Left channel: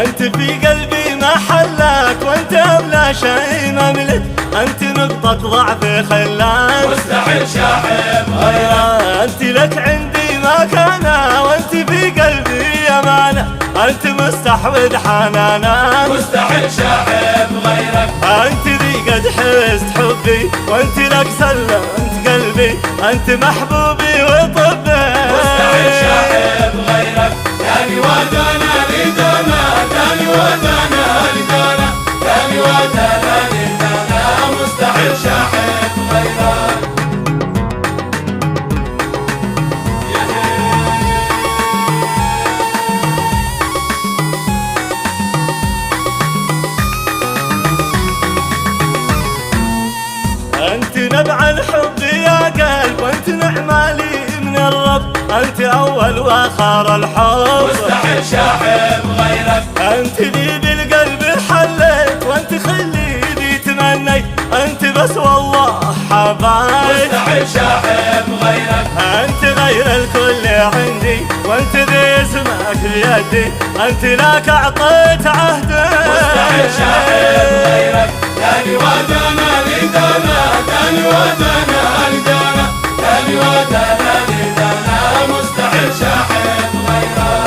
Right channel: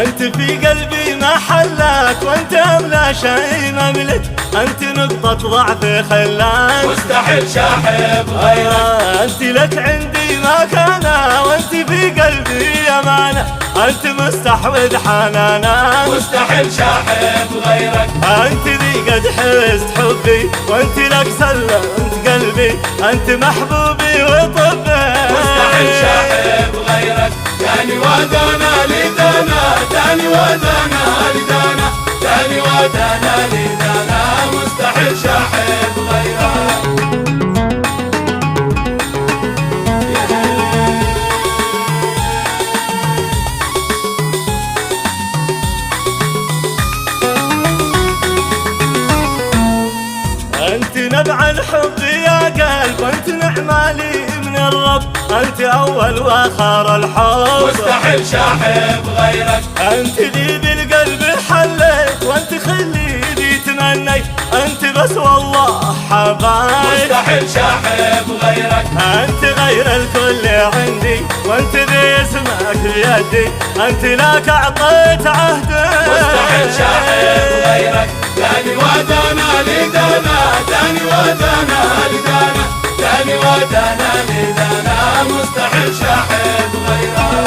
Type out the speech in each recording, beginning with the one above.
أنت في قلبي محلك، وأنت أغلى شيء مملك، أنت نقطة ضعفي خلاك مستحيل شاحب. أنت لك عندي مكانة، وأنت في قلبي أمانة، أنت مستحوذ حنانا، مستحيل شاحب غيرك. أنت ذي قد حرست حبي، وأنت لك سلمت قلبي، أنت محبوبي وطبي. مستحيل شاحب غيرك. داني ودانا لدانا، داني ودانا لدانا، داني ودانا لدانا، مستحيل شاحب غيرك. أنت نبع الحب يا قلب، وأنت نعمة لي من الرب، أنت أول وآخر الحب. مستحيل شاحب غيرك. أنت لي بالقلب حليت، وأنت خلي ذي تمنيت، أنت بس والله حبايب. مستحيل شاحب غيرك. أنت غير الكل عندي، وأنت ذي اسمك بيدي، أنت لك أعطيت عهدي. مستحيل شاحب غيرك. داني ودانا لدانا، داني ودانا لدانا، داني ودانا لدانا، مستحيل شاحب غيرك.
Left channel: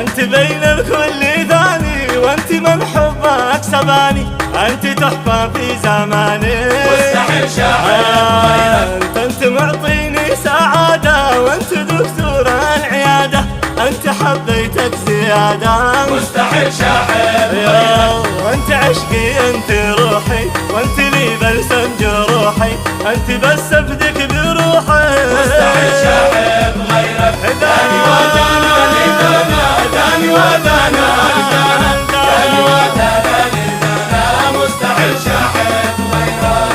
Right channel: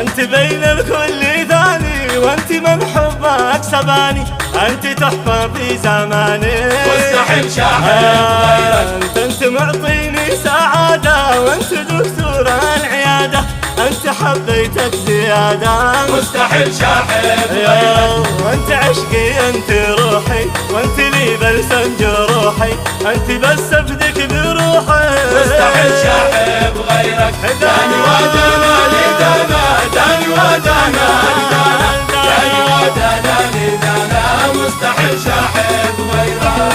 أنت بين الكل ثاني، وأنت من حبك سباني، أنت تحفة في زماني. مستحيل شاحب. أنت معطيني سعادة، وأنت دكتور العيادة، أنت حبيتك زيادة. مستحيل شاحب. وأنت عشقي، أنت روحي، وأنت لي بلسم جروحي، أنت بس أفدك بروحي. مستحيل شاحب غيرك. داني ودانا لدانا، مستحيل شاحب غيرك.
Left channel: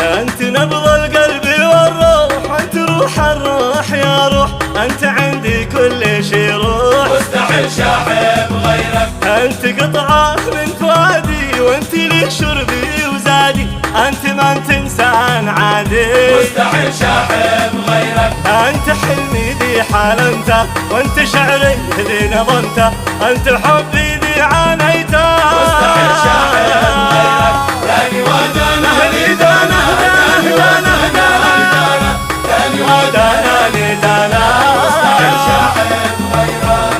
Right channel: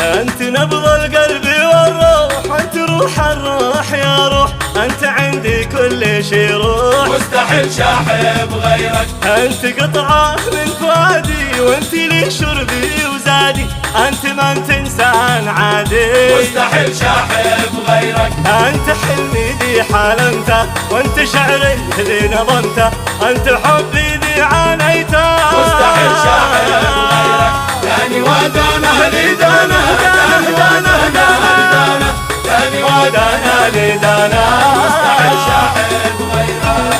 أنت نبض القلب والروح، أنت روح الروح يا روح، أنت عندي كل شي روح. مستحيل شاحب غيرك. أنت قطعة من فؤادي، وأنت لي شربي وزادي، أنت ما أنت إنسان عادي. مستحيل شاحب غيرك. أنت حلمي ذي حالمته، وأنت شعري ذي نظمته، أنت حبي ذي عانيته. مستحيل شاحب غيرك. داني ودانا لدانا، هدانا هدانا هدانا، داني ودانا لدانا. شاحب غيرك.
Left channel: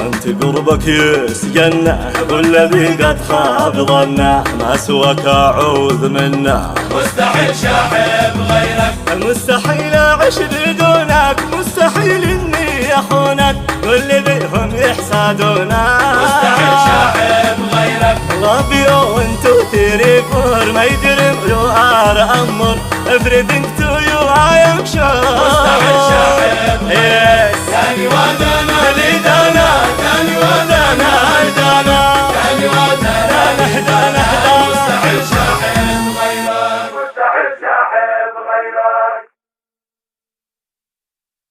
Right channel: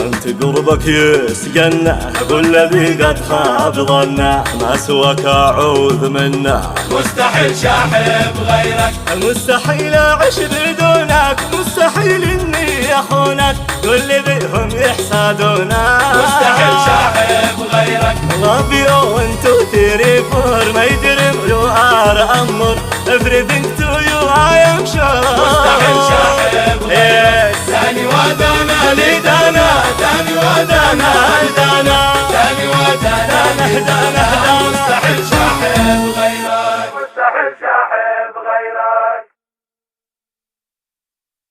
أنت قربك يسجنه، والذي قد خاب ظنه، ما سواك أعوذ منه. مستحيل شاحب غيرك. مستحيل أعيش بدونك، مستحيل إني أخونك، كل ذيهم يحسدونك. مستحيل شاحب غيرك. Love you 1 2 3 4 my dream you are amor, everything to you I am sure.